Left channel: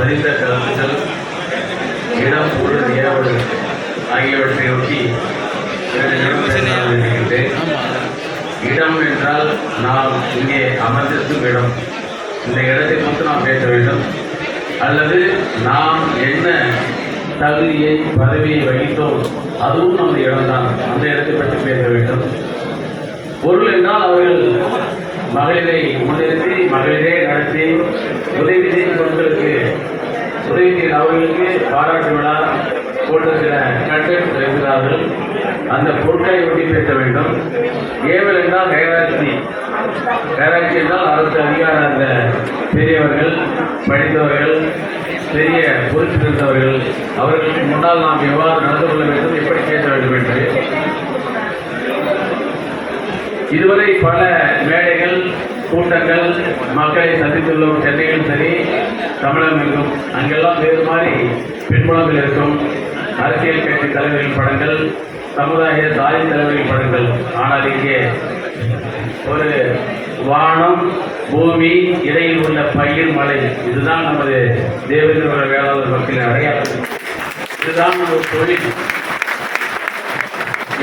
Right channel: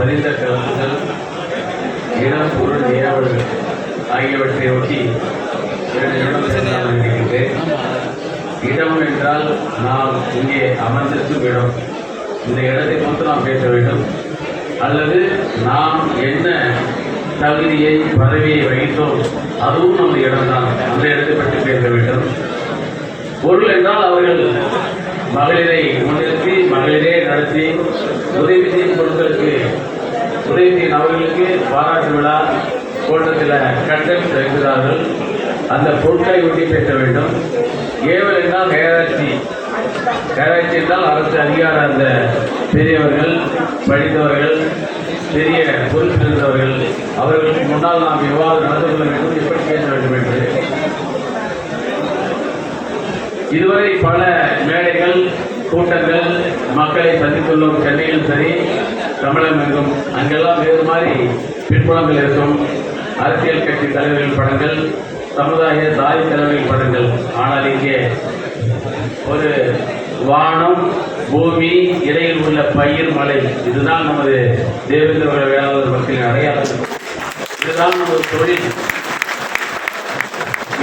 பதிந்த கருத்துக்கள் இடம் பொருள் ஏவல் ஆகியவற்றை நோக்கி இருக்கின்றேன் இடம் என்றால் நாம் இங்கே அமர்ந்திருக்கும் இடம். இந்த இடத்தை மட்டும் நாம் பேச வேண்டும். அல்லது நாம் என்ன தகுதியை பதவியை வகித்தோம் அதுவும் அந்த இடம்தான். அந்த இடத்தை பற்றி பேச வேண்டும். பொருள் என்றால் அவர்கள் மகளிரை முன்னிறுத்தி மகளிரே நடத்தி உதவி செய்யும் பொருட்களுக்கு உதவி செய்யும் அவர்களுக்கு பாராட்டு விழா போன்ற சில கண்டெக்ட் இருக்கிறார்கள் அந்த பொருட்களை ஒட்டி பேச வேண்டும். ஏவல் என்றால் ஹேராட்சி ஹேராட்சி என்றால் அரசு அதிகார அந்த பெரியவர்கள் படித்தவர்கள் பெரிய பொறுப்பில் இருந்தவர்கள். அவர்களுக்கு முன்னால் நாம் எவ்வாறு நடந்து கொள்ள வேண்டும் எப்படி பேச வேண்டும் என்று. இதுவரை பல மேடைகள் கூட்டங்கள் மக்களை சந்தித்துள்ளோம். சென்னையில் சரி தமிழகம் எங்கும் அங்கெல்லாம் வேறு மாதிரி பின்புலங்கள் இருக்கும். அரசியல் கட்சி தலைவர்களின் படங்கள் சமுதாய தாய் தலைவர்களின் படங்கள். ஆனால் இங்கே ஒரு வானம் பூமி இடையில் உள்ள பயிர் மலை. இதுதான் நமது தேவேந்திர வேளாளர் மக்களின் அடையாளம். இதுதான் நமது தொழில்.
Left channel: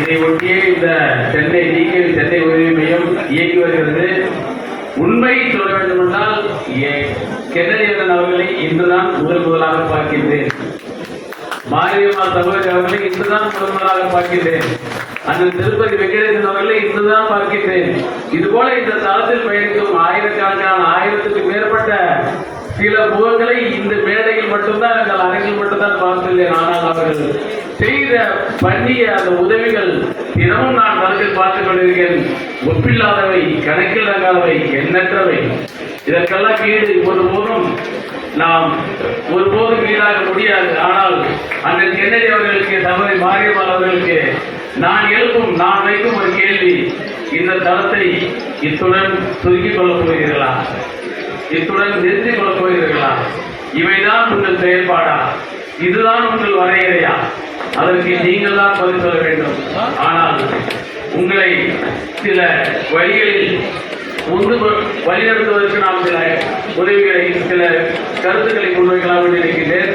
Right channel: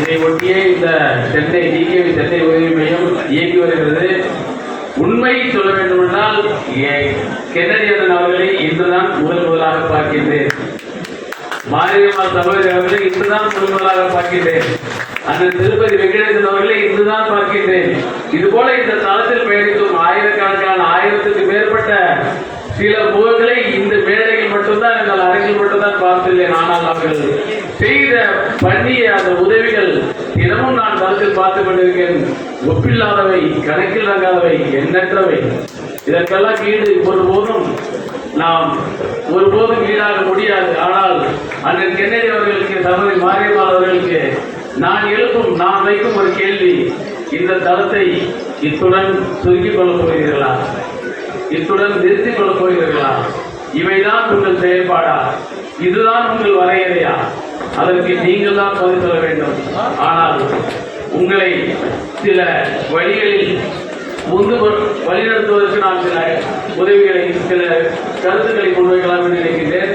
இதை ஒட்டியே இந்த சென்னை டிகேவி சென்னை உதவி மையம் இயங்கி வருகிறது. உண்மையை சொல்ல வேண்டுமென்றால் ஏ- கென்னடி அண்ணன் அவர்களை இன்றுதான் முதல் முதலாக பார்க்கின்றேன். மாரியம்மாள் சகோதரி அவர்களை இன்றுதான் முதல் முதலாக பார்க்கின்றேன். அந்த திருப்பதி வெங்கடேசன் அவர்களை இன்றுதான் பார்க்கின்றேன். இதுபோல இந்த தளத்தில் பயணிக்கும் ஆயிரக்கணக்கான ஆயிரத்துக்கு மேற்பட்ட சில முகங்களை இந்த மேடையில் மட்டும்தான் எங்கள் அரங்கில் மட்டும்தான் பார்த்துள்ளேன். ஆனால் அவர்கள் செய்த பண்ணிய அந்த உதவிகள் தினமும் நான் தளத்தில் பார்த்துக் கொண்டிருக்கேன். ஒப்பில்லாதவை கணக்கில் தங்காதவை எண்ணற்றவை. இதற்கெல்லாம் ஈடு ஒருபோதும் நாம் ஒருபோதும் ஈடாக முடியாது. ஆனால் அண்ணன் கென்னடி அவர்களுக்கு தமது மாரியம்மாள் அவர்களுக்கு நான் எழுப்பும் நான் வைக்கும் ஒரு கேள்வி இந்த தளத்தை இத்துடன் சுருக்கிக் கொள்ளப் போகிறீர்களா? இத்துடன் நிறுத்திக் கொள்ளப் போகிறீர்களா? இவைதான் உங்கள் செயல்பாடா? இதுதான் உங்கள் வரையறையா? அதற்கு நீங்கள் தான் பதில் சொல்ல வேண்டும். ஆனால் உங்களை சில வழிகளில் முந்து வழிநடத்துவதற்கு நான் சில உதவிகளை சில கருத்துக்களை முன்வைக்கலாம் என்று நினைக்கின்றேன்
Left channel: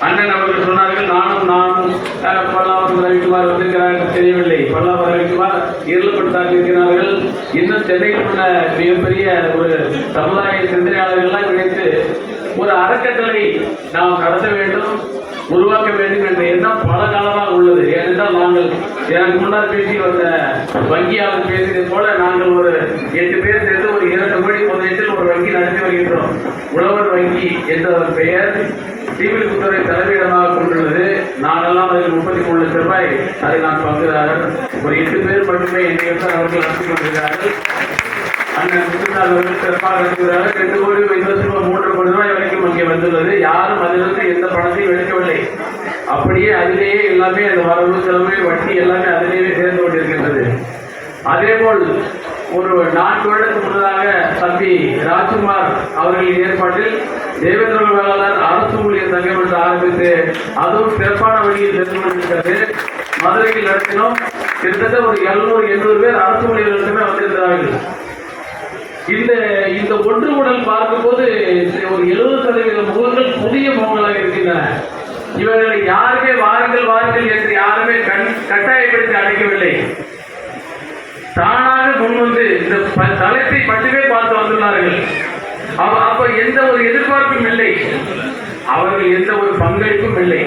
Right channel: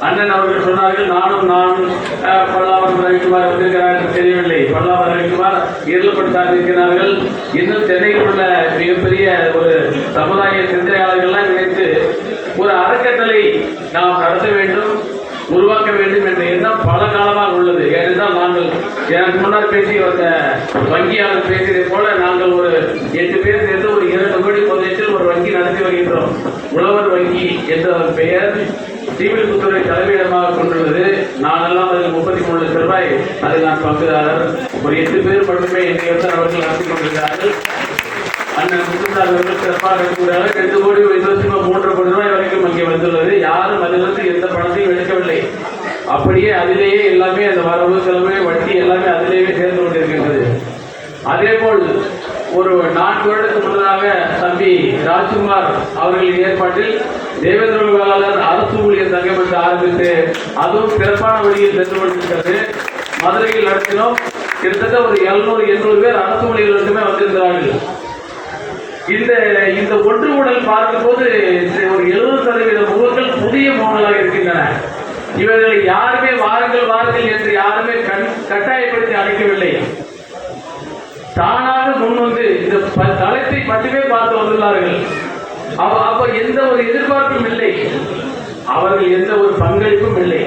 அண்ணன் அவர்கள் சொன்னார்கள் நானும் நான் அஹ், பல்லாவரம் ரவிக்குமார் வந்திருக்கிறார் என்று தெரியவில்லை. பல்லாவரம் ரவிக்குமார் இருளப்படுத்தாக இருக்கிறார்கள். இன்னும் சென்னையில் உள்ள மிகப்பெரிய ஒரு சமுதாய சிந்தனையாளர்கள்லாம் இணைத்து ஒரு அறக்கட்டளை நாம் நடத்த வேண்டும். உருவாக்க வேண்டும் என்ற எண்ணம் பல காலமாக உள்ளது. ஏனென்றால் நாங்கள் எனக்கு முன்னால் பேசிய வந்த வங்கியாளர் பேசியதை போல நாங்கள் ஒரு எட்டு பேர் சேர்ந்து ஒரு இரண்டு கோடி பந்தயத்தில் ஒரு வங்கி நடத்தி வருகின்றோம். உழவர் வங்கி என்ற பெயர் ஸ்ரீவில்லிபுத்தூரை தலைமையிடமாக கொண்டுள்ளது. நானெல்லாம் அதில் முப்பத்தி மூணு லட்சம் ரூபாய் அதில் நான் பங்குதாரர். ஒரு எட்டு பேர் மட்டுமே என்னை அவர்கள் நடத்தி கொண்டிருக்கிறார்கள். அண்ணன் முத்துசாமி அவர்கள் சிறப்பாக இருக்கிறார்கள் ரெண்டு கோடி ஐந்து லட்சம் மூன்று கோடி ரூபாய் வரைக்கும் அங்கே வந்துள்ளது. யாரும் அதிலிருந்து எந்த பணத்தையும் எடுக்கவில்லை. அப்படியே அதிலேயே எல்லாமே அந்த வரவு செலவு வட்டி எல்லாமே அதிலேயே சேர்ந்து கொண்டிருக்கின்றது. அதே போல் ஒரு நான்கு வருடத்துக்கு முன்னதாக தம்பி ராஜ்குமார் அவர்களின் ஏற்பாட்டில் தேவேந்திர வேளாளர் அரசு ஊழியர் சங்கம் என்று ஆரம்பித்து அதுவும் சிறப்பான வழியில் சென்று கொண்டிருக்கிறது. மதுரையில் நடத்தினோம். கிட்டத்தட்ட ஒரு எழுநூறு எண்ணூறு பேர் அரசு ஊழியர்கள் மட்டுமே வந்திருக்கிறார்கள். இந்த இந்த ஒன்று உடல் பார்க்கும்போது ஒரு எழுபது சதவீத முகங்கள் புதிய முகங்களாக இருக்கின்றன. இவர்களை யாருமே வாருங்கள் வாருங்கள் என்று யாருமே கண் கட்டாயப்படுத்தி அழைக்கவில்லை. தானாக முன் வந்து இந்த தளத்தை மட்டுமே பார்த்து வந்துள்ளார்கள். அப்ப அப்ப எந்த ஒரு எதிர்பார்ப்பும் இல்லை. அவர்கள் எந்த ஒரு பங்களிப்பும் இல்லை.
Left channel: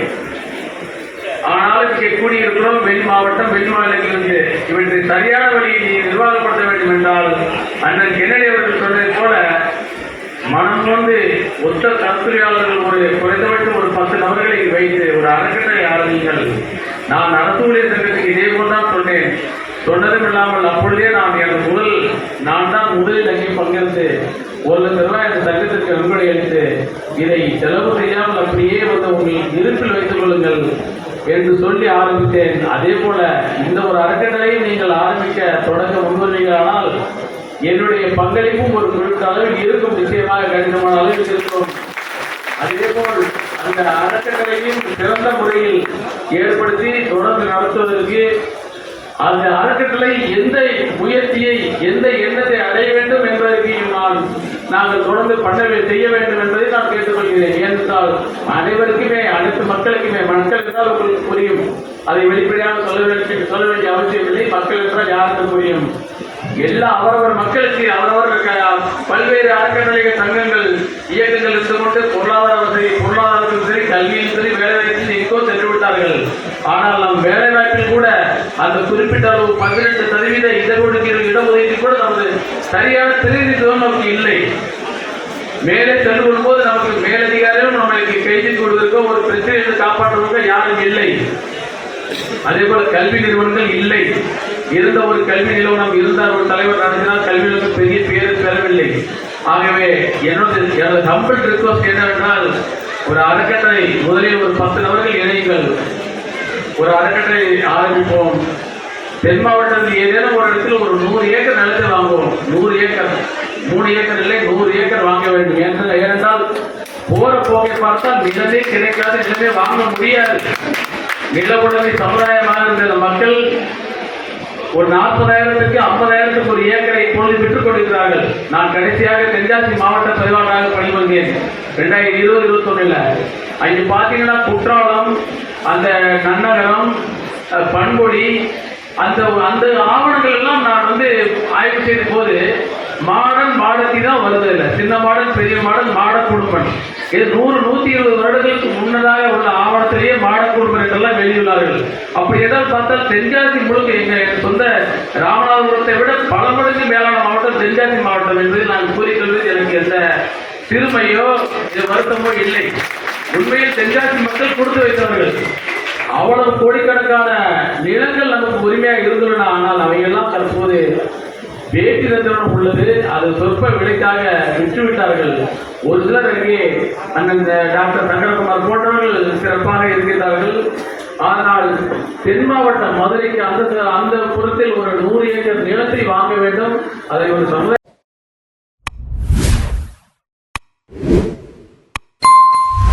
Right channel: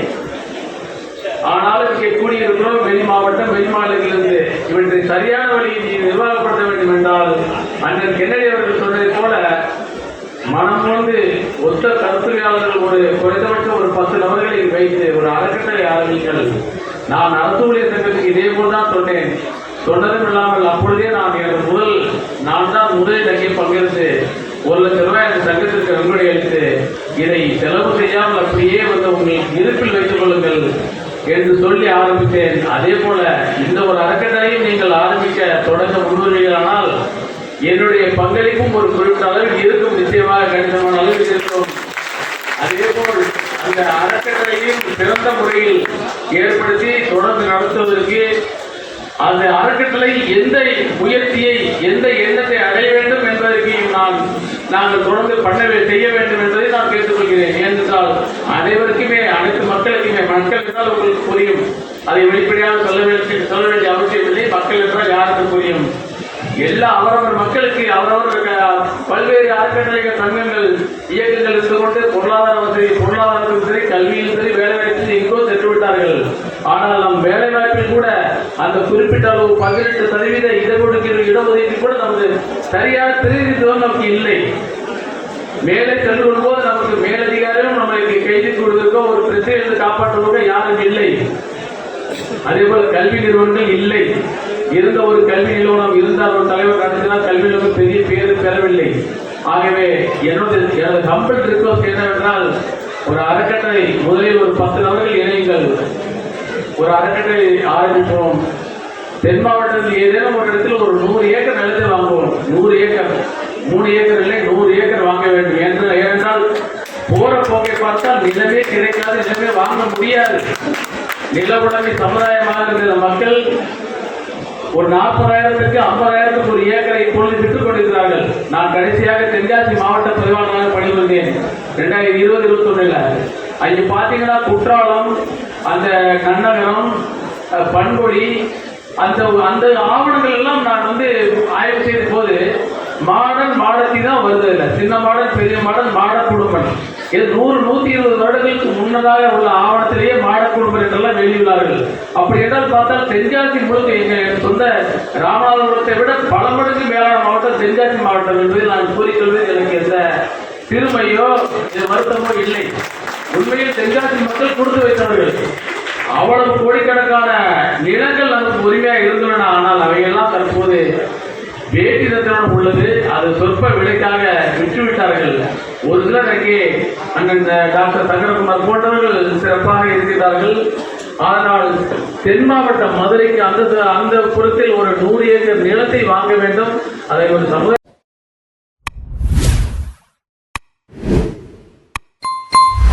ஆனாலும் இங்கே கூடியிருக்கிறோம் வெளி மாவட்டம் வெளி மாநிலத்திலிருந்து இவற்றை சரியான வழியில் நிர்வாகப்படுத்த வேண்டும் என்றால் அண்ணன் கென்னடி அவர்கள் சொன்னது போல மனம் வந்து ஒத்த கருத்துரையாளர்கள் ஒரு குறைந்தபட்சம் ஒரு பத்து நபர்களை வைத்து ஒரு அறக்கட்டளை ஆரம்பிங்கள் நான் நடத்தக்கூடிய சங்கத்துக்கு இதே போல் தான் சொன்னேன். சொன்னதும் இல்லாமல் அப்பொழுதே நான் எனது முதல் நான் தான் முதலில் அங்கே பங்கெடுத்து ஒரு லட்ச ரூபாய் அந்த சங்கத்திற்கு நன்கொடை அளித்து இதை செலவு செய்யாமல் அப்படியே வந்து உங்கள் இருப்பில் வைத்துக் கொள்ளுங்கள் என்று சொல்லி ஆரம்பித்தேன். அதே போல இந்த ஒரு அறக்கட்டளையும் நீங்கள் ஆரம்பிக்க தொடங்க முன்வருவீர்களானால் என்னுடைய பங்களிப்பும் ஒரு குறிப்பிட்ட அளவில் இருக்கும். நிச்சயமாக கடினமான அளவில் இருக்கும். அதே போல் அந்த அறக்கட்டளையும் சிறந்த முறையில் ஏற்படுத்தி தொடர்ந்து நடத்துவதற்கு அந்த அறக்கட்டளை எந்த முயற்சியை எந்த எண்ணத்தை அடைய வேண்டும் என்பதற்கு நான் நாங்கள் தொடர்ந்து பண்ண செய்ய வேண்டும் என்பதை நான் கேட்டுக்கொள்கிறேன். ஏனென்றால் அனைவருக்குமே அனைத்து மக்களுக்குமே மக்கள் என்றால் உங்களுக்கு புரியும். அதை வெளிப்படையாக சொல்ல வேண்டிய சொல்ல வேண்டிய அவசியம் இல்லை மக்கள் என்றால் யாருக்கு புரியும். எல்லா அவரவர் மக்களுக்கு அவரவர் பல்வேறு அறக்கட்டளைகள் சங்கங்கள் இயக்கங்கள் இருந்து கொண்டு பொருளாதார வசதி பொருளாதாரத்திலும் சரி கல்வியிலும் சரி வேலைவாய்ப்பில் எங்கோ சென்று விட்டார்கள். ஆனால் நம் வேலைவாய்ப்பில் கூட அந்த குறிப்பிட்ட அளவு பதினெட்டு சதவீத இடஒதுக்கீடு இடஒதுக்கீடு கூட நமது சரியான பிரதிநிதித்துவம் நமக்கு இல்லை. மேலே சென்று வரும்போது நமக்கு மேலதிகாரியும் நம்மளுக்கு கைது கொடுவதற்கோ ஒரு பிரச்சனையை காப்பாற்றுவதற்கோ யாரும் இல்லை. அதே போல கல்வி நிறுவனங்கள் இல்லை. இருந்த ஒரு கல்வி நிறுவனம் இருந்தார் ஒரு தலைவர் நடத்தினால் கல்வி நிறுவனம் பெரிய பேரும் பெறவில்லை. ஆகவே என்னோட எனது கம்பல் ரிக்வஸ்ட் என்னவென்றால் ஒரு அறக்கட்டளை முதலில் ஒரு பத்து நபர்கள் இணையுங்கள். ஒரு அறக்கட்டளை ஆரம்பிப்போம். தென் மாவட்டத்தில் ஏதேனும் ஒரு இடத்துல ஒரு நூறு ஏக்கர் நிலத்தை வாங்குவோம். நூறு ஏக்கர். மூணு ஏக்கர் இல்லை நூறு ஏக்கர் வாங்க வேண்டும். ஏனென்றால் ஏனென்றால் போற போக்கை பார்த்தால் நிலமே கிடைக்காது நிலமே வாங்க முடியாது. நில உடனே சமுதாயமாக இருந்த மக்கள் ஒரு நாற்பதாயிரத்துக்கு ஐம்பதாயிரத்துக்கு ஒரு ஏக்கரை இப்பொழுது விட்டுக் கொண்டிருக்கிறார்கள். நான் கடைசியாக தென்காசி மாவட்ட பதிவாளராக பணிபுரிந்தேன். ரெண்டாயிரத்தி இருபது இருபத்தொன்னுல. அங்கே பார்த்தீங்கன்னா குற்றாலம் அந்த நன்னகரம் பண்பொழி அந்த அந்த ஆவணங்கள் எல்லாம் நான் வந்து ஆய்வு செய்த போது மாடன் மாடத்தி தான் வருது இல்லை சின்ன மாடன் பெரிய மாடன் மாட குடும்பம் இது நூறு நூத்தி இருபது வருடங்களுக்கு முன்னதாக உள்ள ஆவணத்திலேயே மாட குடும்பம் என்றெல்லாம் வெளியுள்ளார்கள் அப்படி என்றால் பார்த்தால் தென்காசி முழுக்க எங்க சொந்த ராமநாதபுரத்தை விட பல மடங்கு மேலான மாவட்டம் தென்காசி மாவட்டம் என்று நான் கூறிக்கொள்வது எனக்கு எந்த சிறுமையோ வருத்தமோ இல்லை. உண்மையில் தென்காசி மக்கள் கொடுத்து வைத்தவர்கள். அவ்வளவு கோடிக்கணக்கான நிலங்கள் நமக்கு உரிமையாக இருந்துள்ளன. ஆனால் அவையெல்லாம் தற்போது வேட்டி ரத்தனம் உள்ளது. அது சொற்ப விலைக்காக விற்றுவிட்டார்கள். ஒரு சிலர் அங்கே அண்ணன் டாக்டர் சங்கரகுமார் போன்றவர்கள் சிறப்பாக இருக்கிறார்கள் ஆனால் தென் மாவட்டம் மதுரைக்கு அந்த அந்த புறத்தில் ஒரு நூறு ஏக்கர் நிலத்தை வாங்க வேண்டும். அதை ஒரு சமுதாய